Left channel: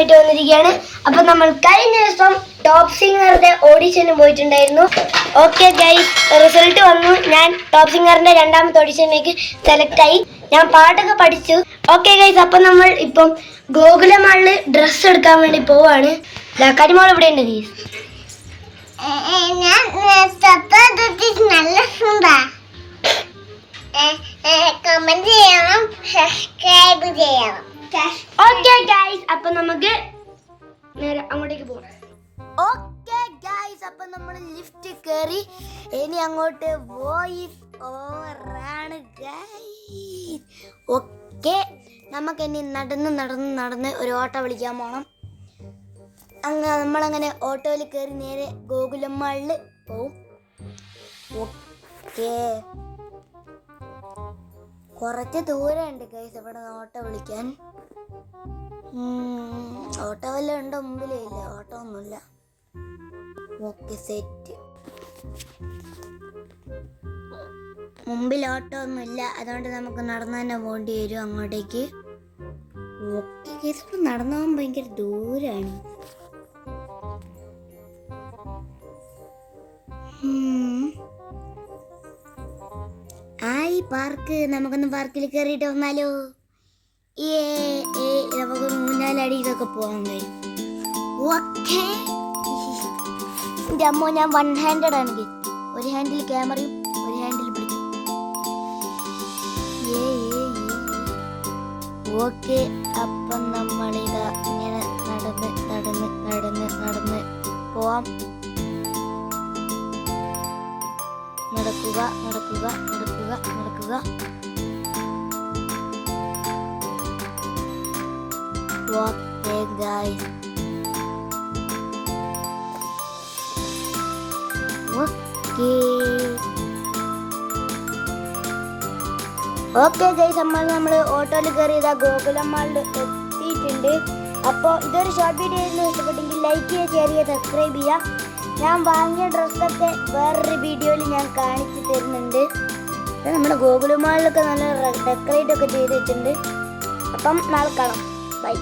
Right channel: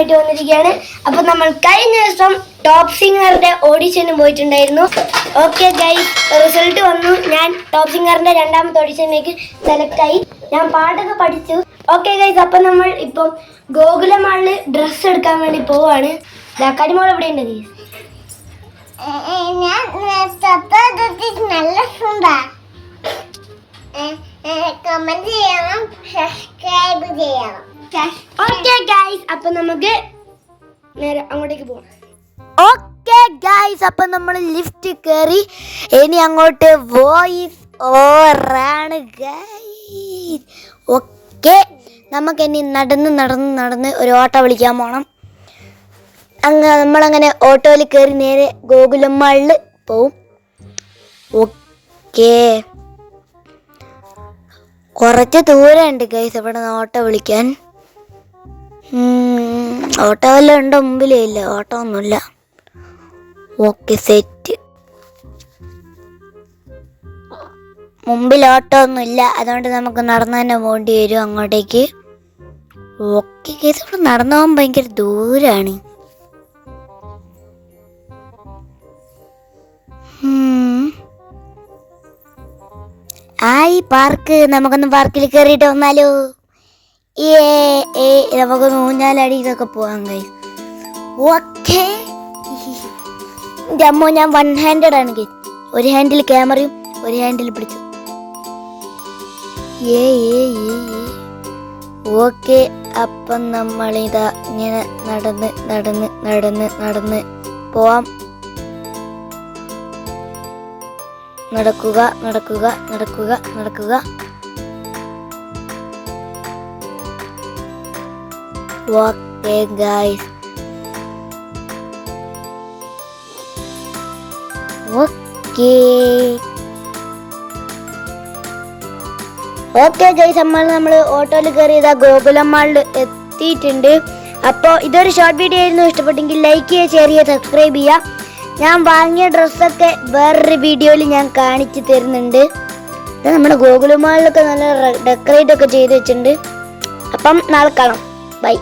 ആയിട്ട് വന്നിരിക്കുകയാണ്. അപ്പോൾ നമ്മൾ കഴിഞ്ഞ ദിവസം ടോപ്പ് സിംഗറിന്റെ ഓഡിഷന് പോയിട്ടുണ്ടായിരുന്നു. ഓക്കെ ഗൈസ്, റിസൾട്ട് വന്നു. ഞാൻ ടോപ്പ് സിംഗറിന്റെ രണ്ടാമത്തെ ഓഡിഷനിലേക്ക് സെലക്ട് ആയി. ഞാൻ പാട്ടൊക്കെ പഠിച്ചു. ഓക്കെ ഗൈസ്, അപ്പോൾ നമ്മൾ ഇപ്പം ഗോകുലമാളില് ഡ്രസ്സ് എടുക്കാൻ വേണ്ടി പോവാണ്. കരിമോൾ ഇവിടെ ഉണ്ട് ഗൈസ്. കമന്റ് ചെയ്യണം, സബ്സ്ക്രൈബ് ചെയ്യണം. ഓക്കെ ഗൈസ്, അപ്പൊ നമുക്ക് നേരെ അങ്ങോട്ടേക്ക് പോകാം. ഓക്കെ ഗൈസ്, അപ്പൊ നമ്മൾ ലിഫ്റ്റ് കയറി. ഇനി അങ്ങോട്ട് വോയിസ് ഓവറാണ് ഗൈസ്. ഓക്കെ, നമുക്ക് ഇനി നടന്ന് ഒരു ഓട്ടോ വിളിക്കാൻ പോകണം. നമ്മളങ്ങനെ ഓട്ടോയിൽ കയറി നേരെ ഗോകുലമാളിൽ പോവും. ഓക്കെ, കുറച്ച് ദൂരമുണ്ട് ഗൈസ് ഇവിടെ നിന്ന് ഓട്ടോ വിളിക്കാൻ. ഓട്ടോ വല്ലതും ഉണ്ടോ? മുമ്പിലേ ഇല്ല, ഓട്ടോ ഒന്നുമില്ല. Okay, set. മുമ്പിൽ ഓട്ടോ ഒന്നുമില്ല, അതുകൊണ്ട് നമുക്ക് നടന്നു തന്നെ പോകേണ്ടി വരും അങ്ങോട്ടേക്ക്. ഓക്കെ ഗൈസ്, ഇവിടെ നടന്നു പോകാൻ ഭയങ്കര ദൂരാണ്. പാർക്ക്, നമുക്കൊന്ന് പാർക്കിൽ കയറിയിട്ട് വന്നാലോ? നമുക്കൊന്ന് ഊഞ്ഞാലടിയിലൊക്കെ പോകാൻ കഴിയും. ഓക്കെ, എൻ്റെ അമ്മ, ഞാൻ 1 ഹാൻഡഡ് ആണ്. ഒരു ഹാൻഡിൽ ക്യാമറയും ഒരു ഹാൻഡിൽ പിടിച്ചു. ഓക്കെ, അപ്പം നമ്മളിതാ ഇങ്ങനെ നടന്ന് പോവാം. നടക്കുക. ഓക്കെ ഗൈസ്, ഓക്കെ ഗൈസ്, നമ്മൾ ഓട്ടോയിൽ കയറിയതാ ഗോകുലമാളിൽ എത്തിയിട്ടുണ്ട്. അപ്പോൾ ഇതൊരു ഷോർട്ട് വീഡിയോ ആയിരുന്നു. ഇഷ്ടപ്പെട്ടെങ്കിൽ ലൈക്ക് ചെയ്യുക, ഷെയർ ചെയ്യുക, സബ്സ്ക്രൈബ് ചെയ്യുക. ഞാൻ വാങ്ങിയ ഡ്രസ്സൊക്കെ വേറൊരു വീഡിയോയിൽ ഞാൻ കാണിച്ചു തരുന്നുണ്ട്. നമ്മുടെ ഗോകുലമാളിലൊക്കെ നല്ല ഡെക്കറേറ്റ് ഒക്കെ ചെയ്ത് വെച്ചിട്ടുണ്ട്. അപ്പം നാളെ കാണാം. ബൈ.